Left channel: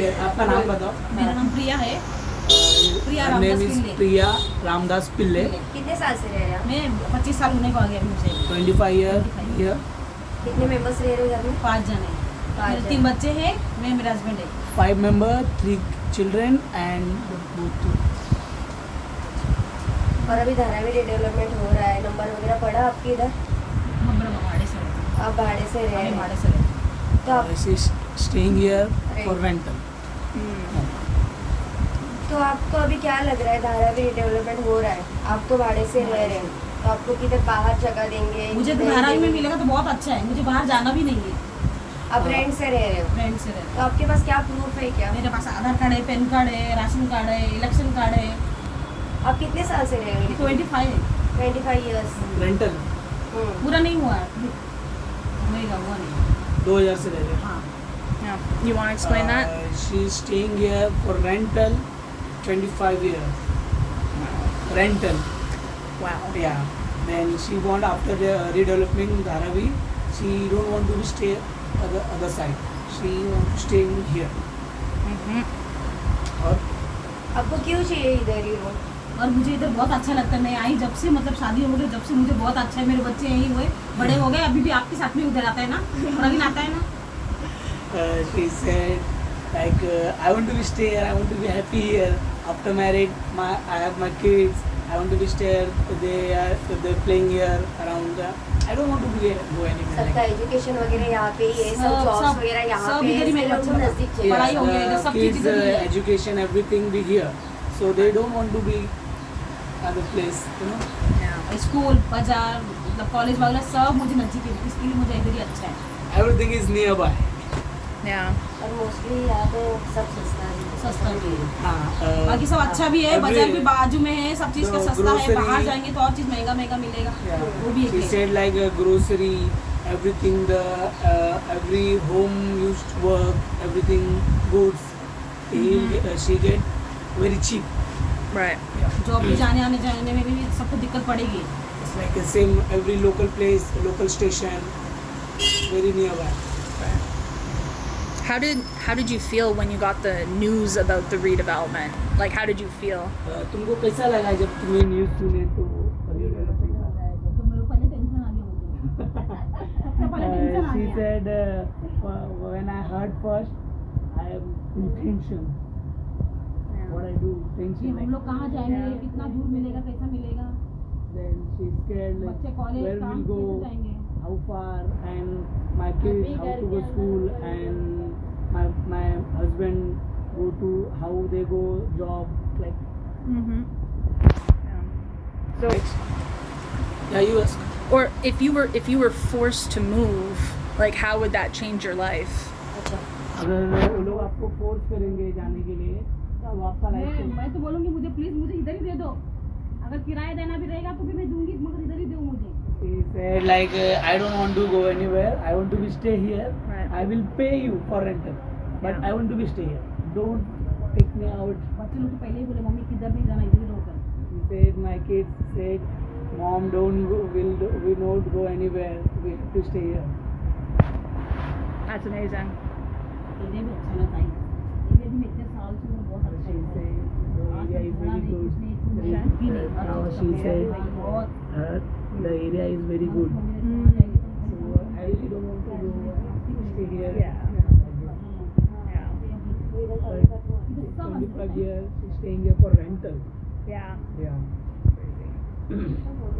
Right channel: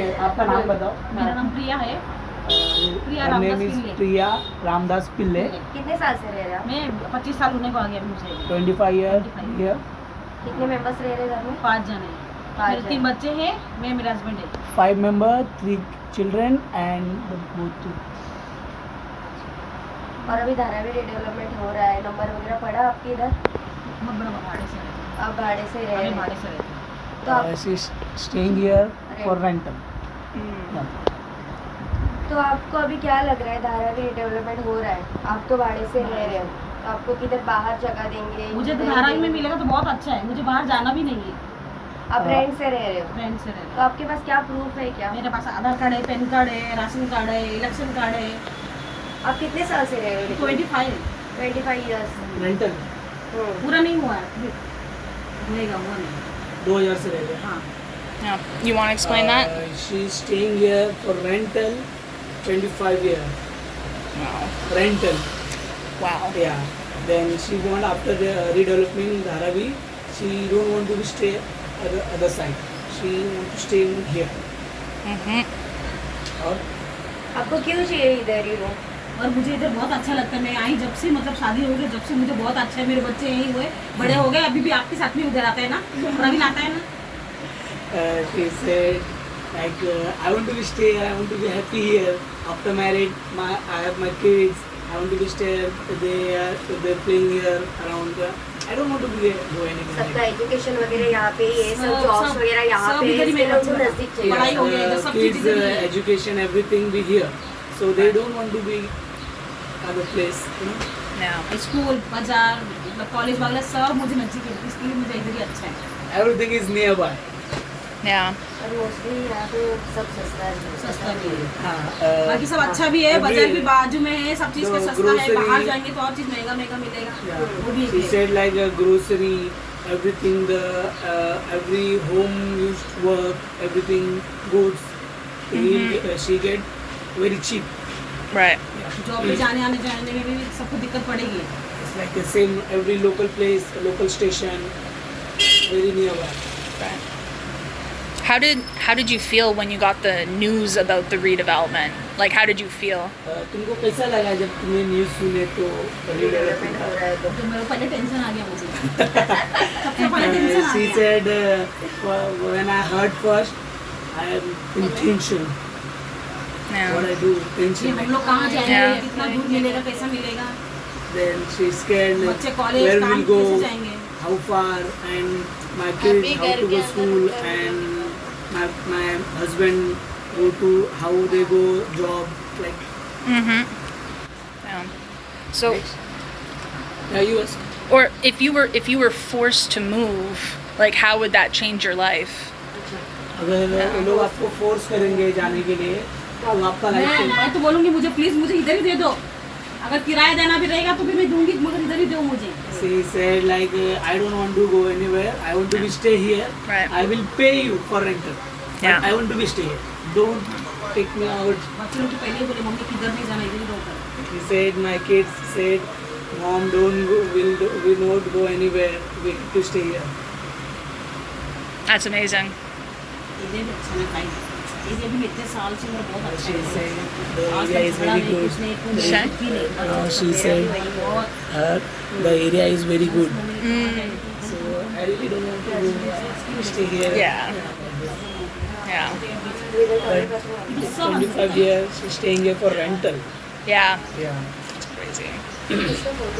ओके, आपका नाम बताओ। मेरा नाम प्रिया है। प्रिया रामदास नेम इज पिल्ले। प्रिया रामदास पिल्ले। कितने साल से रह रहे हैं मैं 25 साल होने को आ गया मुझे। 25 ईयर। आप? कितने मेंबर्स रह रहे हैं घर में? 5 जने। 5 3 बच्चे हैं, मैं मेरा हस्बैंड है। 5 मेंबर, 3 चिल्ड्रन एंड बोथ। और अभी धारावी डेवलपमेंट हो रहा है, नंबर वगैरह पड़ा आपके इधर? बहुत बड़ा भाड़े से रहते हैं। आप भाड़े से रह रहे हम भाड़े हैं से रहते हैं। तो आप she staying here for rental. तो आपको अभी क्या लग रहा है, धारावी डेवलपमेंट हो रहा है, आप तो भाड़े से रह रहे हो, तो आपको किधर बाहर जगह देंगे? मुझे तो इधर धारावी में देंगे? मिलेगा तो बहुत अच्छा है, मुझे बाहर जाना भी नहीं है। आप रेंट से रह रहे हो, फ्रेंड से रहते तो आपके पास क्या प्रूफ है क्या? हैं। मेरे पास आधार कार्ड है, पैन कार्ड है, राशन कार्ड है, इलेक्शन कार्ड है। आप कितने साल से रह रहे हो? 25 है। 25 ईयर्स। रेंटल पूरा नहीं हुआ है, होएगा, हुआ नहीं। 2 ईयर से रह रहे। हाँ। Yeah. You want to explain that? She is staying here for rental 25 years. Wow. Rental. Wow. Yeah. Then she want after the redeveloping Dharavi, she don't want to be stay other side. She want to stay in here. Mm-hmm. और आपको क्यों चाहिए इधर ही रूम? और मुझे इधर बहुत अच्छा लगता है। मैं आई जब से, मतलब शादी हो गई जब से, मुझे बहुत अच्छा है। मेरे बच्चे यहीं हुए, बड़े हो गए, अभी भी आपके साथ में उधर आता है ना, प्रवीण आता है ना। she said like I want to be stay here. I want to be happy here. After married, I have my kids. I want to be stay here. They playing here around. I don't want to be go सबका anywhere. Education वगैरह यहाँ पे ही है, सब सब- जॉब्स सब- वगैरह यहाँ सब पे इधर ही है, मेरे इसलिए उनको बच्चे नजदीक हैं। चाहिए। पढ़ाई हो गई, इधर सब चीज़ Kids, इधर ही है। education, everything be here. So they don't want to be other place. You know. Yeah. School, बाजार, मतलब कॉलेज वगैरह सब मुझे नजदीक है, इसके लिए मुझे इधर ही अच्छा है। Everything is nearby. Yeah. और मोस्टली यहाँ पे सब सस्ता है। सस्ता भी है, हाँ, बाकी सब अच्छा भी है, every- बाजार भी बाजू में है, सब चीज़ का तो सस्ता है। grocery- बाहर जाएंगे तो और चीज़ महंगा महंगा मिलेगा, वो भी She है। said like grocery, everything, the every home used work, everything goods, she get very cheap. Right. Job पे जाने आने में भी सबको दिक्कत पड़ेगी। It's like the same every local place, local station, very nearby. Right. How did you feel when you got the news about the redevelopment? Like, how did you feel? तुमको कैसा लगा जब तुमने न्यूज़ सुने तो? डेवलपमेंट हो रहा है तो तो मेरे को पहले टेंशन आ गया मुझे। सबसे पहले टेंशन आ She गया। said when I heard first, I am in tension. Yeah. What I do, कि tension. हम लोग कहाँ जाएंगे, Yeah. कितना दूर मिलेगा, कैसा मिलेगा, Then she's scared. Like, बच्चे कॉलेज where काम we'll go, कैसे जाएंगे। how far, and my kids how to go school, and my husband go to how they go job. Like, Mm-hmm. Yeah. So, yeah, you ask. or if you were forced to move, like, how would that change your life? अगर वो लोग आपको फोर्स करेंगे जाने के लिए तो आपका लाइफ मैं तो बोलूँगी मुझे प्लीज मुझे इधर ही दे दो। अगर किराया देना भी रहेगा तो भी मैं दूंगी, मगर इधर ही दो मुझे। She said like I don't want to go anywhere. I want to be stay here. Right. I will pay you for rental. But Yeah. I want to be stay here. Don't take me out. बच्चे लोग तो पहले ही बोले मम्मी किधर नहीं जाना, इधर ही रहो। He said my kids said, Mom, don't go. Will not go anywhere. We have to stay here. That's amazing. इधर भी अच्छा लगता है, इधर भी इतने साल से मेरा बहुत अच्छा She है। said the आज area तक is झगड़ा very नहीं, good. कुछ नहीं, कुछ Sure. नहीं, कुछ भी नहीं। She said बहुत the area is very good. Mm. So I really don't want to go. Stay here. Yeah. Yeah. But 25 years she's staying here for rental. Yeah. Yeah. Crazy.